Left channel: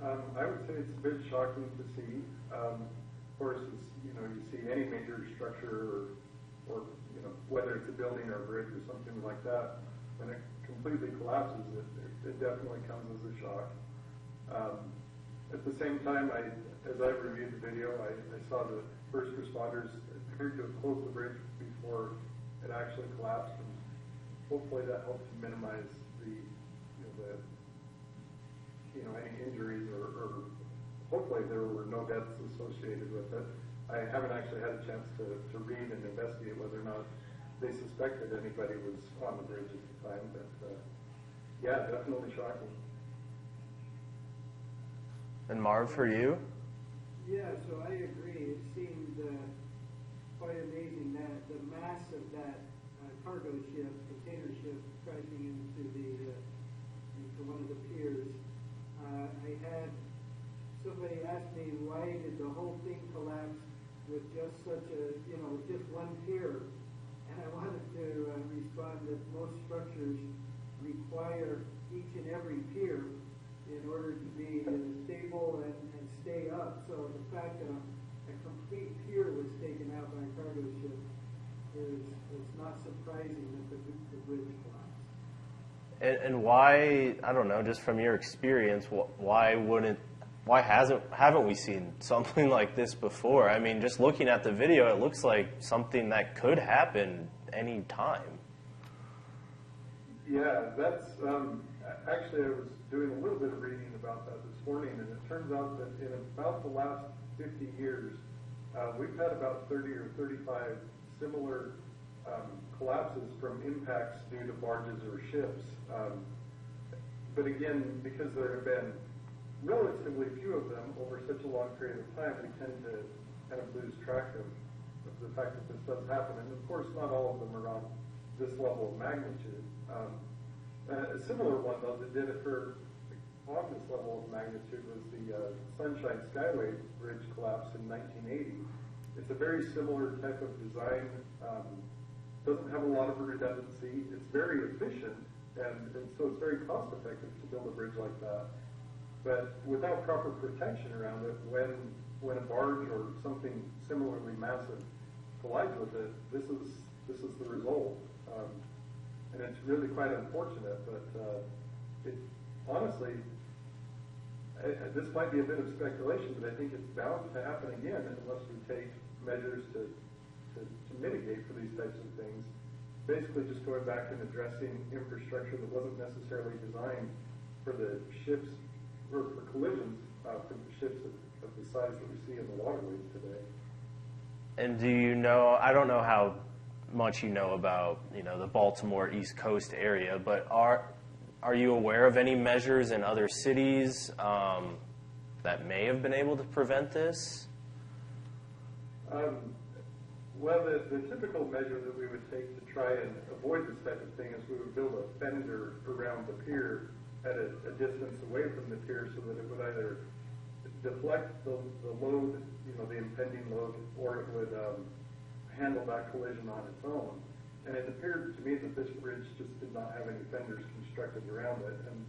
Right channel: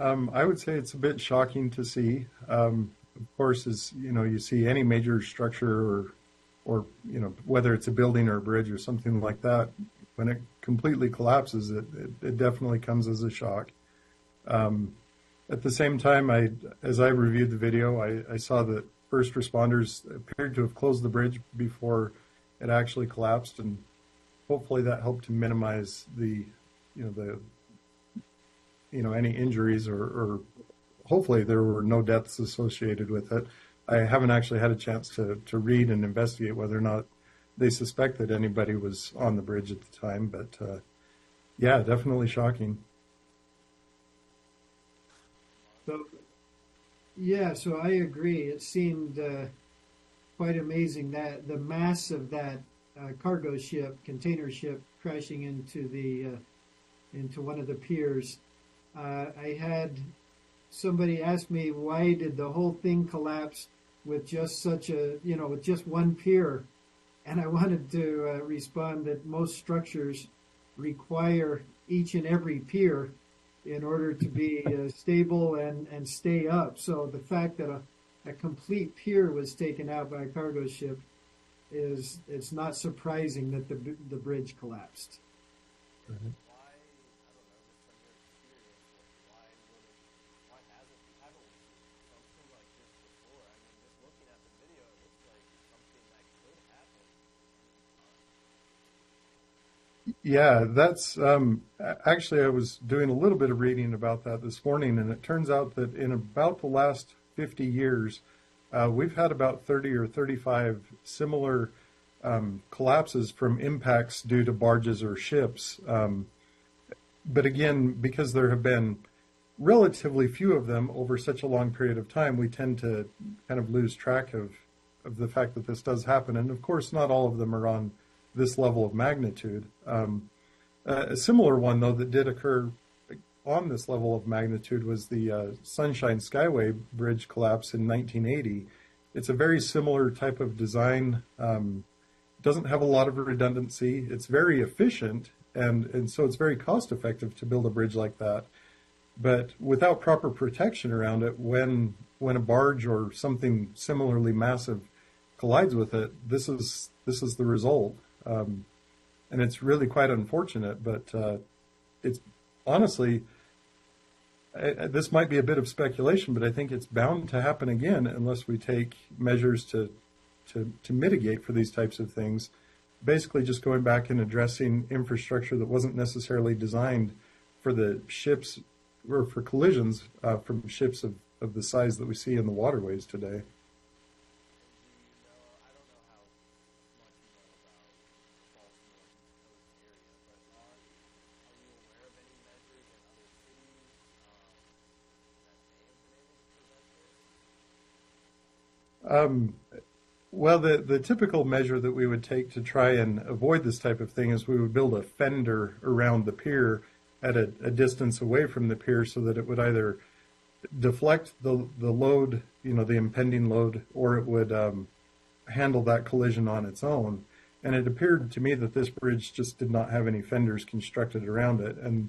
I would say it's a bit shocking to see. Of course, as you know, you see any major structure or whether it's a building or a bridge or something like that, when it completely collapses, it definitely comes as a shock. At the same time, as I reviewed the video, I saw that first responders appeared to have closed the bridge before it actually collapsed, and hopefully that helped to minimize any injuries or hopefully there were no deaths associated with it. I haven't actually had a chance to read and investigate whether or not they suspect that anybody was on the bridge at the time, but yeah, definitely shocking. And Marv, for you? Yeah, so I agree. It seemed quite amazing that the mass of that cargo ship, container ship, crashing into one of the piers. I had somebody ask me, why did the whole thing collapse with just with just one pier? And I wanted to respond that most structures require each and every pier in order to be stable and stay up. So the fact that a complete pier was taken out by a cargo ship it's not surprising that the bridge collapsed. And why, I don't know, just from your experience, why haven't we seen something like this before? I mean, just looking at the video, it looks like something that could happen any time. Yeah, that's actually I was doing a little bit of reading about that this morning, and it turns out that in about the last 50 years, we've had about 30 or 35 similar collapses from impacts due to barges or ships. But again, because there have been relatively few of them over such a long period of time, we tend to kind of lose track of the fact that this does happen. And of course, not all of them are on this level of magnitude. A similar one, though, that did occur on this level of magnitude was the Sunshine Skyway Bridge collapse in 1980. It's a very similar type of design. Doesn't have a lot of redundancy. It's very efficient, and so it's very cost effective to build a bridge like that. But without proper protection around it, when a barge or something similarly massive collides with it, this is the result. And it's really quite unfortunate, but it's honestly, this might be a bit of speculation, but I think it's bound to happen again unless we take measures to mitigate for these types of things. Basically just going back and addressing infrastructure that wasn't necessarily designed for the ships or for collisions from ships of the size that we see in the waterways today. And do you know, I don't know how much you know about, the Baltimore East Coast area, but are you aware of any measures in other cities that may have been able to prevent this? Well, the typical measure that we would take to try and avoid this type of thing is we would build a fender around the pier at a distance away from the pier so that it would either deflect the load, the impending load, or it would handle that collision on its own. And it appeared to me that this bridge just did not have any fenders constructed around it. And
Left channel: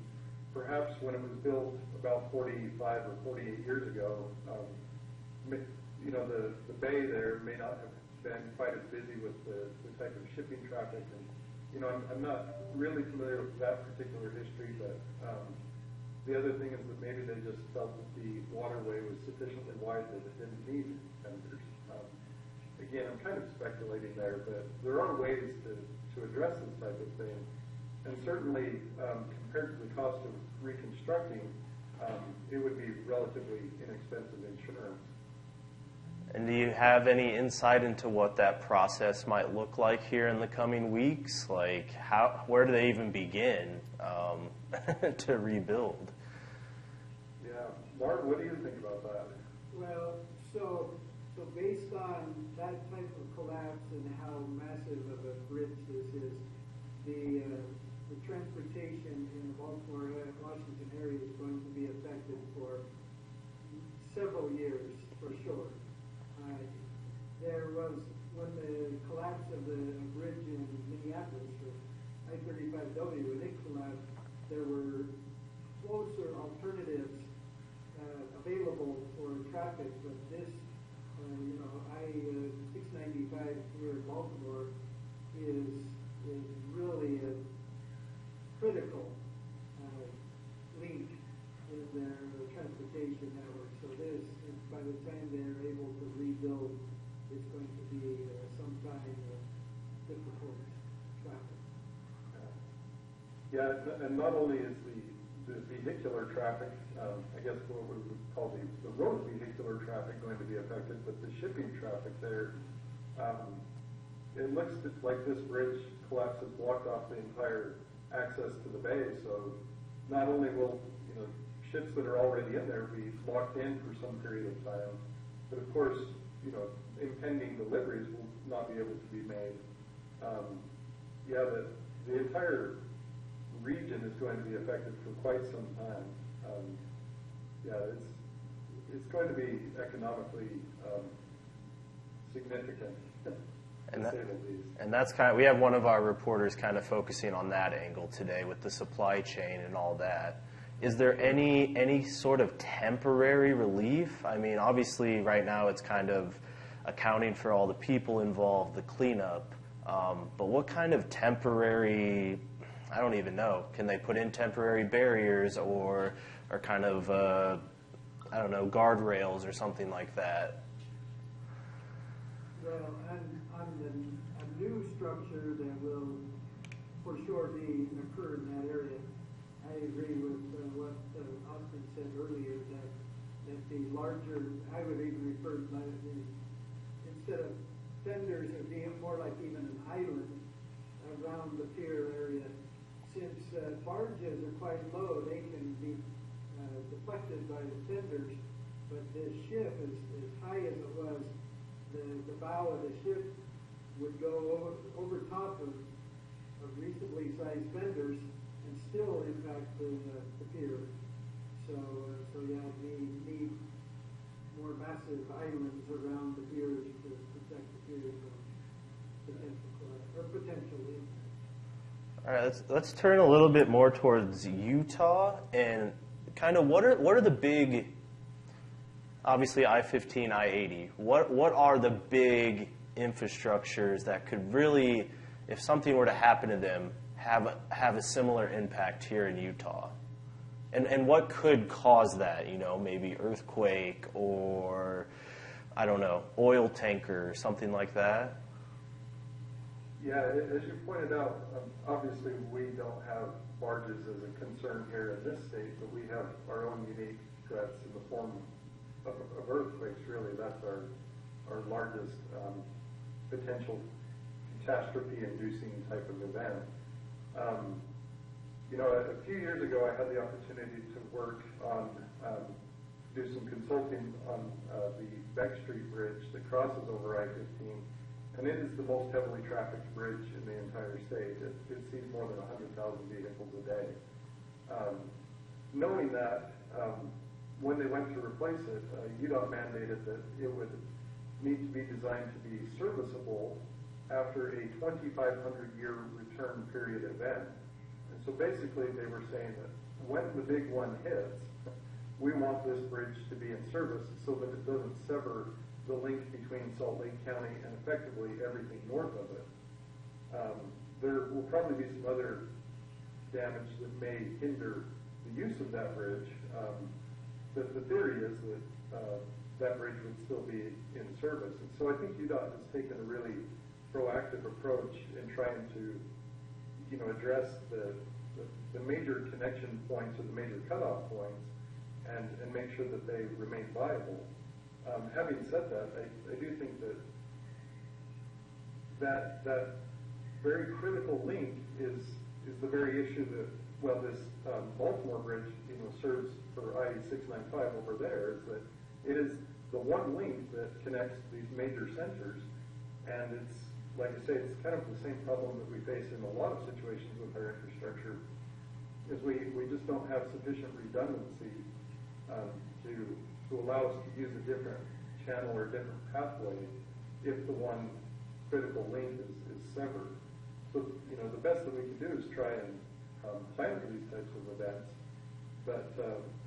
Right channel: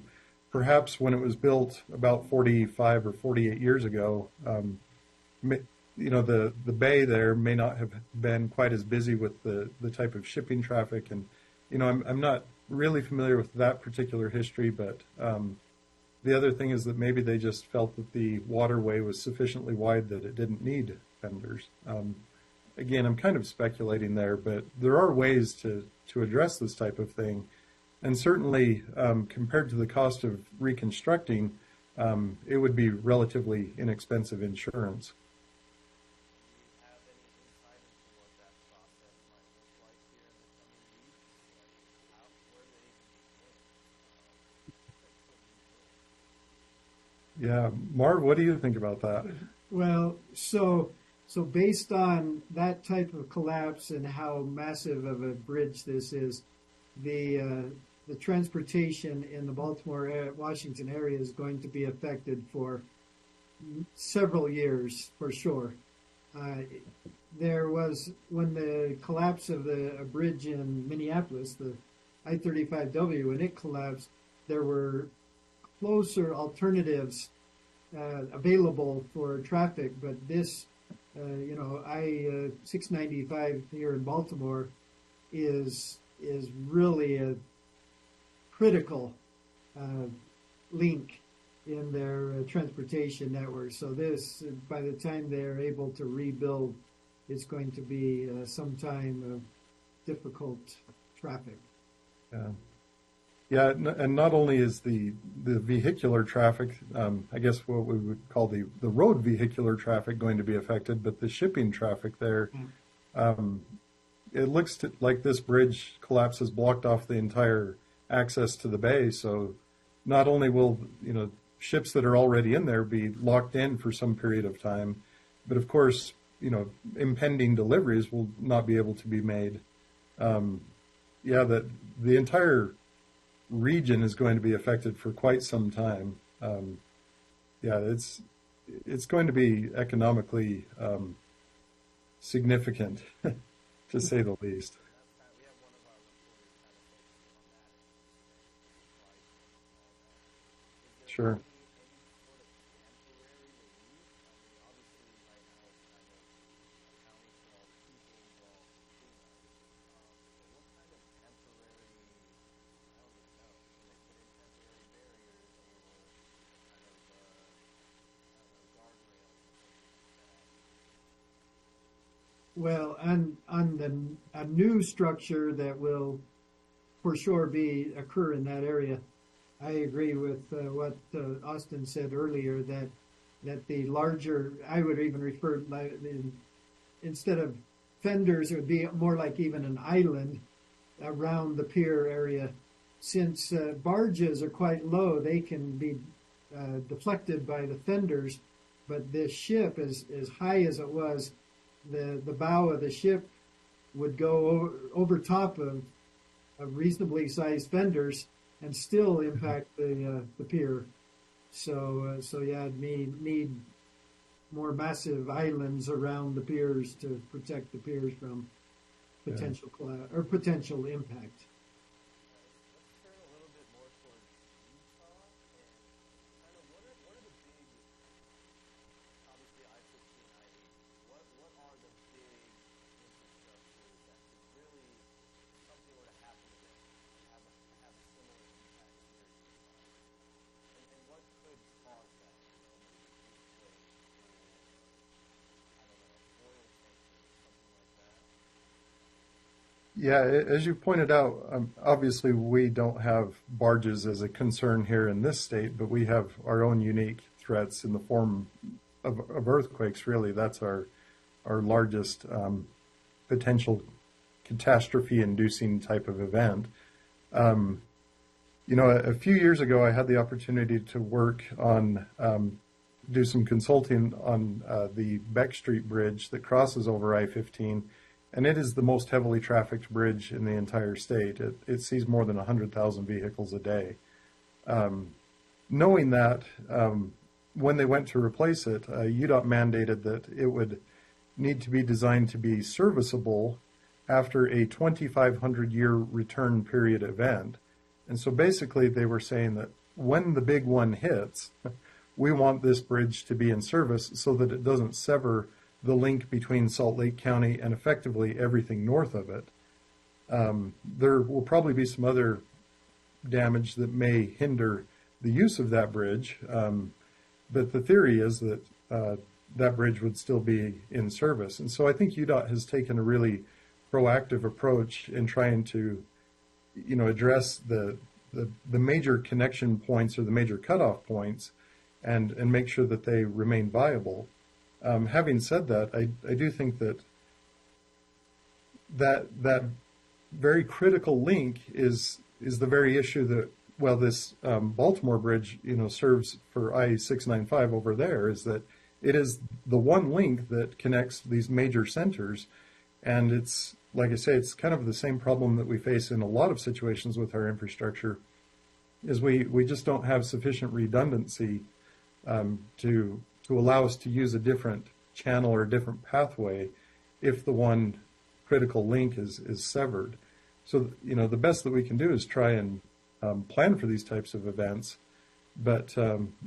perhaps when it was built about 45 or 48 years ago, the bay there may not have been quite as busy with the type of shipping traffic. And, I'm not really familiar with that particular history, but the other thing is that maybe they just felt that the waterway was sufficiently wide that it didn't need fenders. Again, I'm kind of speculating there, but there are ways to address this type of thing. And certainly, compared to the cost of reconstructing, it would be relatively inexpensive insurance. And do you have any insight into what that process might look like here in the coming weeks? Like, where do they even begin to rebuild? Yeah, Marv, what do you think about that? Well, so based on that type of collapse and how massive of a bridge this is, the transportation in the Baltimore-Washington area is going to be affected for several years for sure. There was, when the collapse of a bridge in Minneapolis, the I-35W, when it collapsed, there were closer alternatives available for traffic, but this, 695 here in Baltimore is really a critical link in their transportation network. So this, by the time they're able to rebuild, it's going to be some time of difficult traffic. Yeah, and not only is the vehicular traffic, I guess what we would call the road vehicular traffic going to be affected, but the shipping traffic there, it looks like this bridge collapse has blocked off the entire access to the bay. So not only will, ships that are already in there be locked in for some period of time, but of course, impending deliveries will not be able to be made. That the entire region is going to be affected for quite some time. It's going to be economically significant, to say the least. And that's we have one of our reporters kind of focusing on that angle today with the supply chain and all that. Is there Sure. any sort of temporary relief? I mean, obviously right now it's kind of accounting for all the people involved, the cleanup. But what kind of temporary, I don't even know, can they put in temporary barriers or kind of, guardrails or something like that? Well, on a new structure that will for sure occur in that area, I agree with what Austin said earlier, that the larger, I would even refer, instead of fenders, it would be more like even an island around the pier area. Since barges are quite low, they can be deflected by the fenders, but this ship, as high as it was, the bow of the ship would go over top of reasonably sized fenders and still impact the pier. So need more massive islands around the piers to protect the piers from potential impact. All right, let's turn a little bit more towards Utah and kind of what are the big, obviously I-15, I-80. What are the big infrastructures that could really, if something were to happen to them, have a similar impact here in Utah? And what could cause that? Maybe earthquake or, I don't know, oil tanker or something like that? Yeah, as you pointed out, obviously we don't have barges as a concern here in this state, but we have our own unique threats in the form of earthquakes, really. That's our largest potential catastrophe-inducing type of event. A few years ago, I had the opportunity to work on, do some consulting on the Beck Street Bridge that crosses over I-15, and it is the most heavily trafficked bridge in the entire state. It sees more than 100,000 vehicles a day. Knowing that, when they went to replace it, UDOT mandated that it would need to be designed to be serviceable after a 2,500-year return period event. And so basically they were saying that when the big one hits, we want this bridge to be in service so that it doesn't sever the link between Salt Lake County and effectively everything north of it. There will probably be some other damage that may hinder the use of that bridge, but the theory is that that bridge would still be in service. And so I think UDOT has taken a really proactive approach in trying to address the major connection points or the major cutoff points and make sure that they remain viable. Having said that, I do think that very critical link is the very issue that, this Baltimore bridge, serves for I-695 over there, is that it is the one link that connects these major centers. And it's, like I say, it's kind of the same problem that we face in a lot of situations with our infrastructure, is we just don't have sufficient redundancy to allow us to use a different channel or a different pathway if the one critical link is severed. So, the best that we can do is try and plan for these types of events. But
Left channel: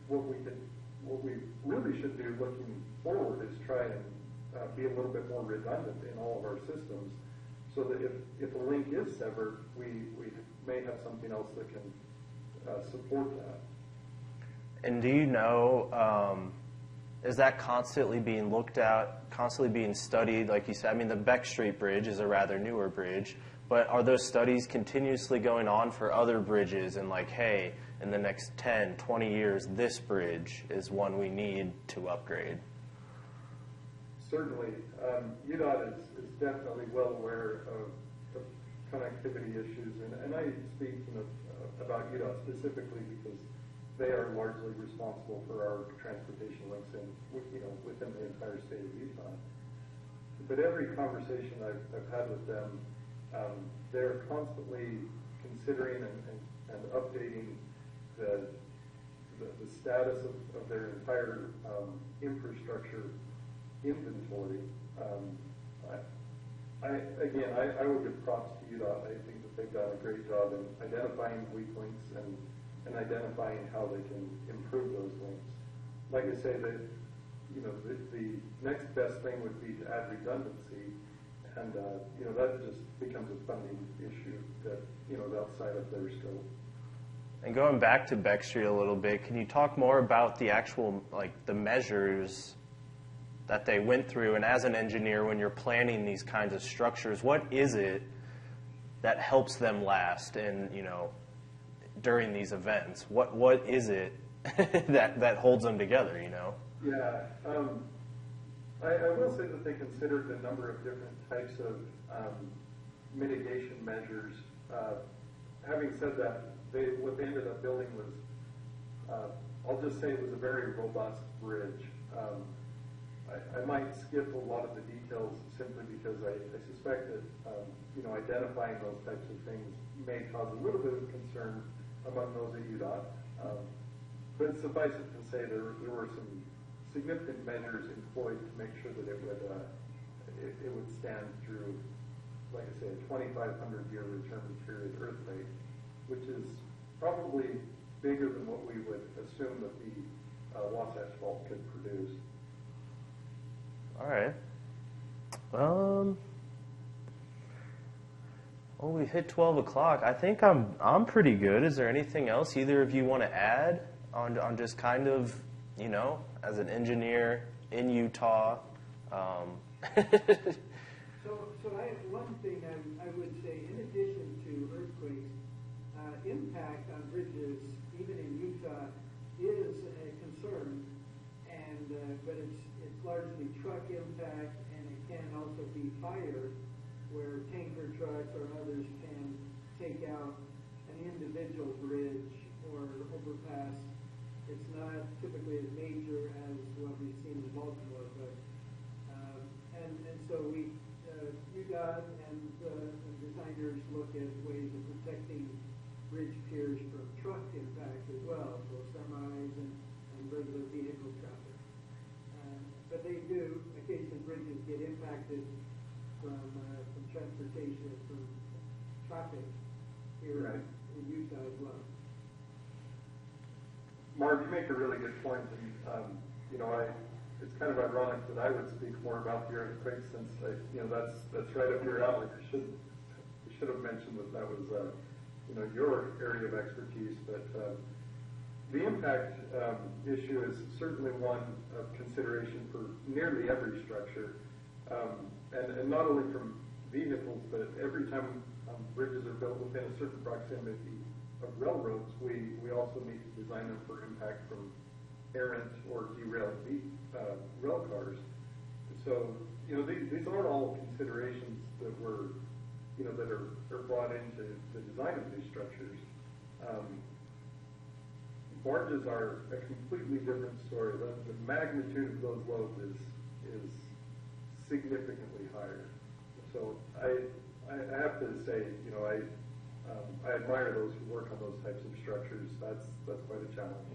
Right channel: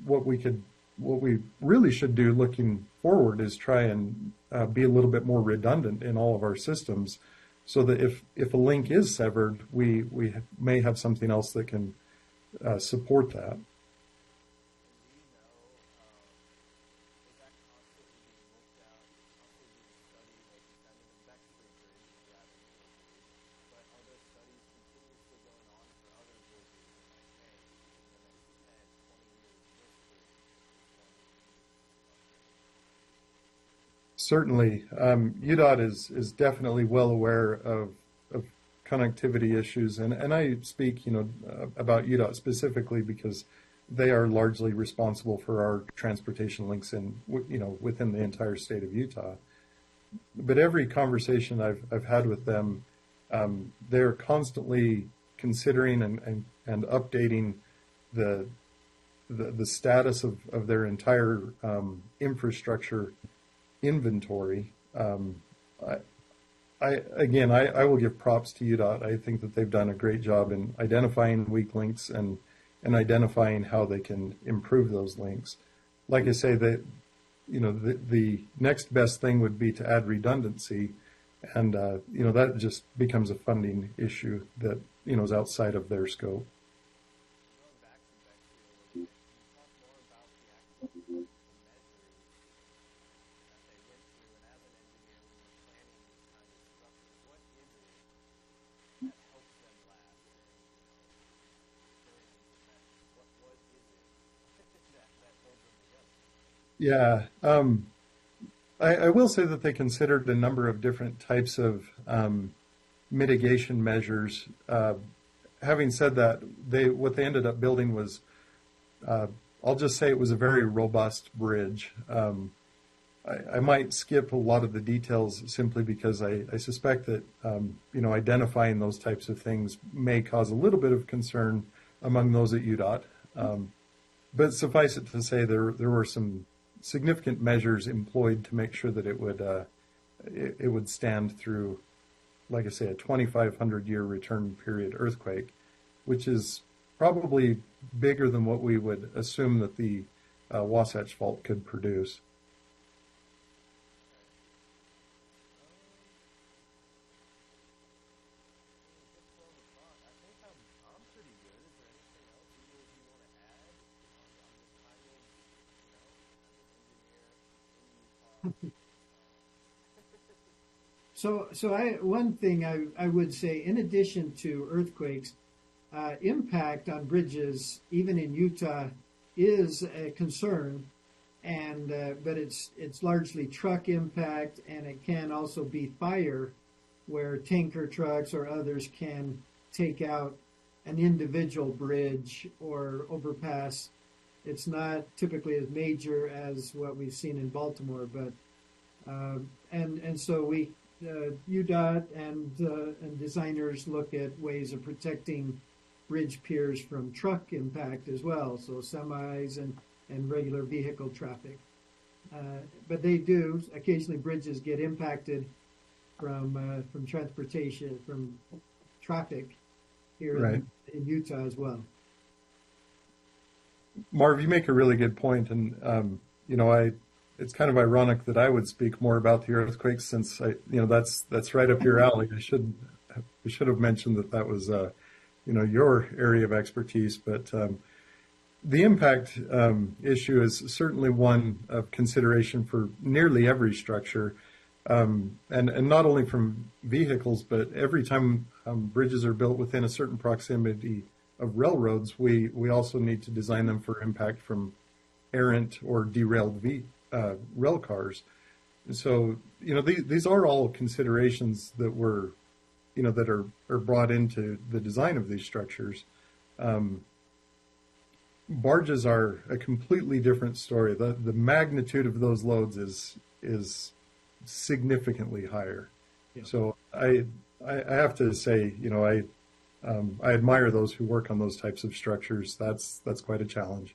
what we could what we really should do looking forward is try and be a little bit more redundant in all of our systems, so that if a link is severed, we may have something else that can support that. And do you know, is that constantly being looked at, constantly being studied? Like you said, I mean, the Beck Street Bridge is a rather newer bridge, but are those studies continuously going on for other bridges, and like, hey, in the next 10, 20 years, this bridge is one we need to upgrade? Certainly. UDOT is definitely well aware of connectivity issues, and I speak, about UDOT specifically because they are largely responsible for our transportation links within the entire state of Utah. But every conversation I've had with them, they're constantly considering and updating the status of their entire infrastructure inventory. I will give props to UDOT. I think that they've done a great job in identifying weak links and identifying how they can improve those links. Like I say, that the next best thing would be to add redundancy, and that just becomes a funding issue that is outside of their scope. And going back to Beck Street a little bit, can you talk more about the actual, like, the measures that they went through? And as an engineer, when you're planning these kinds of structures, what is it that helps them last and, during these events? What is it that holds them together, Yeah. I will say that they considered a number of different types of mitigation measures. Having said that, what they ended up building was, I'll just say it was a very robust bridge. I might skip a lot of the details simply because I suspect that identifying those types of things may cause a little bit of concern among those at UDOT. But suffice it to say, there were some significant measures employed to make sure that it would stand through, like I say, a 2,500-year return period earthquake, which is probably bigger than what we would assume that the Wasatch Fault could produce. All right. Well, we hit 12 o'clock. I think I'm pretty good. Is there anything else either of you want to add on just kind of, as an engineer in Utah? So one thing I would say, in addition to earthquakes, impact on bridges, even in Utah, is a concern, but it's largely truck impact, and it can also be fire, where tanker trucks or others can take out an individual bridge or overpass. It's not typically as major as what we've seen in Baltimore, but so we UDOT and designers look at ways of protecting bridge piers from truck impact as well, so semis and regular vehicle traffic. But they do occasionally, bridges get impacted from transportation, from traffic here Right. in Utah as well. Marv, you make a really good point, and it's kind of ironic that I would speak more about the earthquakes, since that's right up your alley. We should have mentioned that was your area of expertise, but the impact issue is certainly one of consideration for nearly every structure, and not only from vehicles, but every time bridges are built within a certain proximity of railroads, we also need to design them for impact from errant or derailed rail cars. So these are all considerations that that are brought into the design of these structures. Barges are a completely different story. The magnitude of those loads is significantly higher. Yeah. So I have to say, I admire those who work on those types of structures. That's quite a challenge.